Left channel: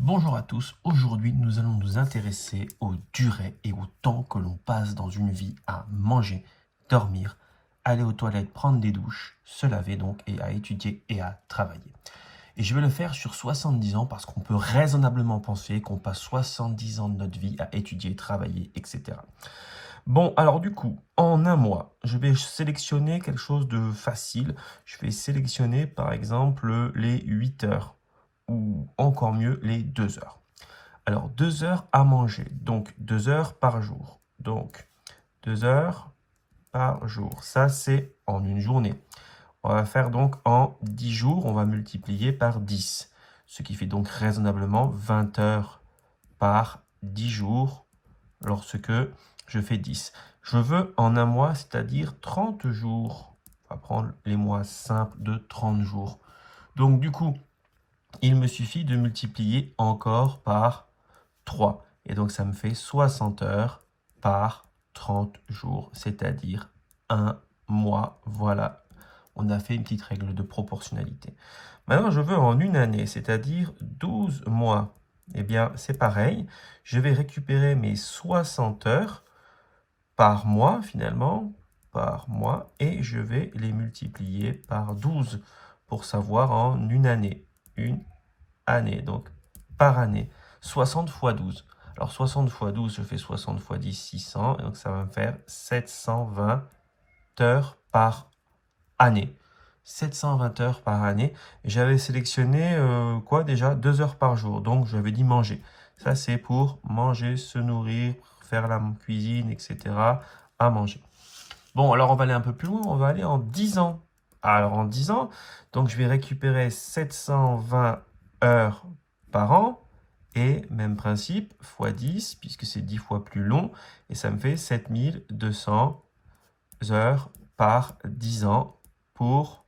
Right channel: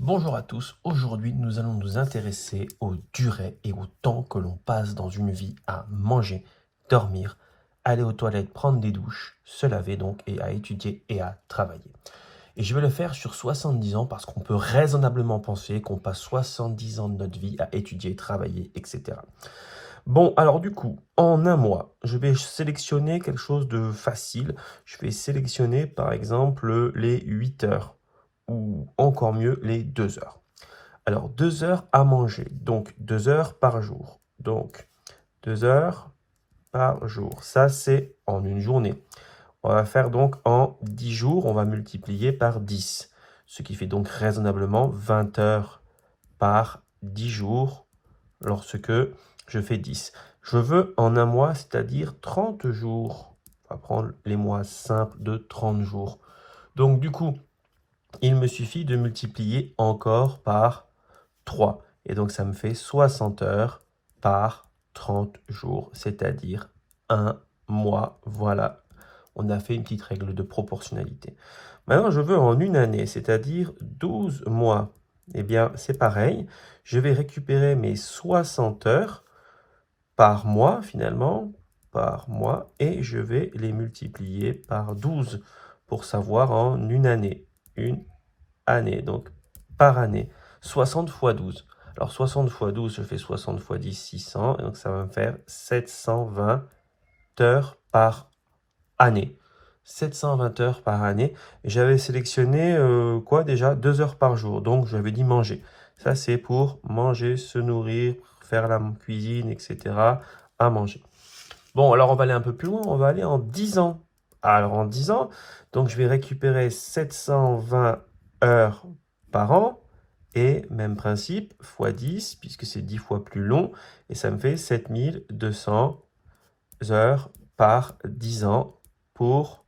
Bonjour à tous, aujourd'hui nous allons nous intéresser aux durées et au temps que l'on passe dans une vie à manger, dormir, aller aux toilettes, prendre des douches, se laver donc et à étudier et à travailler. Et je vais le faire sur 70 ans parce qu'on peut raisonnablement penser qu'on passe 70 ans de notre vie à étudier, travailler, etc. Bon, alors du coup, en un mois, je vais sélectionner quelque chose de facile. Je vais sélectionner par exemple les 8 heures ou encore mieux les 2 heures. Alors 2 heures à manger, donc 2 heures par jour. Donc 2 heures par jour, ça c'est en une journée. On va faire donc en 10 jours, on va multiplier par 10, ce qui fait donc raisonnablement 20 heures par 10 jours lorsque je fais 10. Je veux en un mois, c'est-à-dire 30 jours. On va prendre les mois simples de 30 jours. Donc du coup, il me suffit de multiplier encore par 3. Et donc ça me fait 60 heures par 30 jours, c'est-à-dire un mois. Voilà, on a fait une petite règle de proportionnalité. Maintenant, je veux en une année, c'est-à-dire 12 mois. Eh bien, c'est pareil. Je vais récupérer mes 60 heures par mois, finalement, par mois, et je vais les multiplier par 12 pour savoir en une année. Une année, donc par année. 60 fois 12. Alors 60 fois 12, je fais 60 fois 10, 600, et donc ça va me faire 720 heures par année. 720 heures par année. Et j'avais sélectionné quoi déjà 2 heures par jour. Donc j'avais dit manger. Ça c'est pour manger, se nourrir, faire la cuisine, etc. à manger. Bon, alors on va aller un peu plus loin. On va aller en 10 ans. Alors en 10 ans, donc je vais récupérer 720 heures par an. Et même principe, fois 10, puisque c'est 10 fois plus long. Et ça me fait 7200 heures par 10 ans pour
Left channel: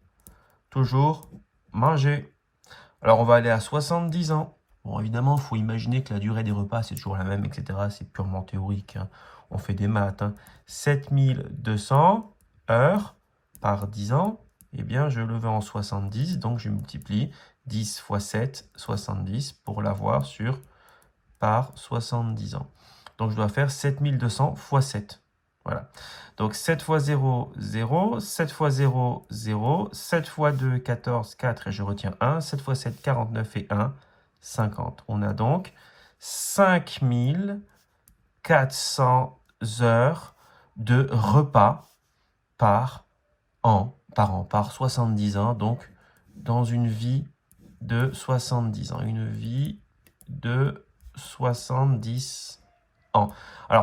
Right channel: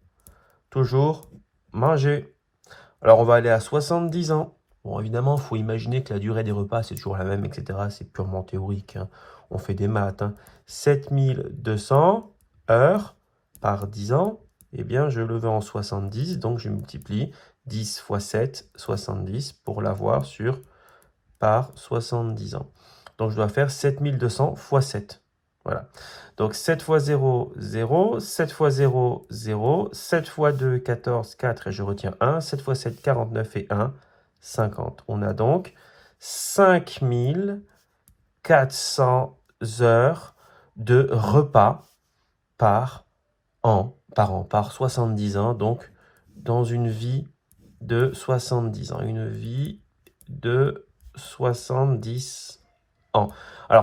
toujours manger. Alors, on va aller à 70 ans. Bon, évidemment, il faut imaginer que la durée des repas, c'est toujours la même, etc. C'est purement théorique, hein. On fait des maths, hein. 7200 heures par 10 ans. Eh bien, je le veux en 70. Donc, je multiplie 10 fois 7, 70 pour l'avoir par 70 ans. Donc, je dois faire 7200 fois 7. Voilà. Donc 7 fois 0, 0. 7 fois 0, 0. 7 fois 2, 14, 4 et je retiens 1. 7 fois 7, 49 et 1, 50. On a donc 5400 heures de repas par par 70 ans. Donc dans une vie de 70 ans. Une vie de 70 ans. Alors,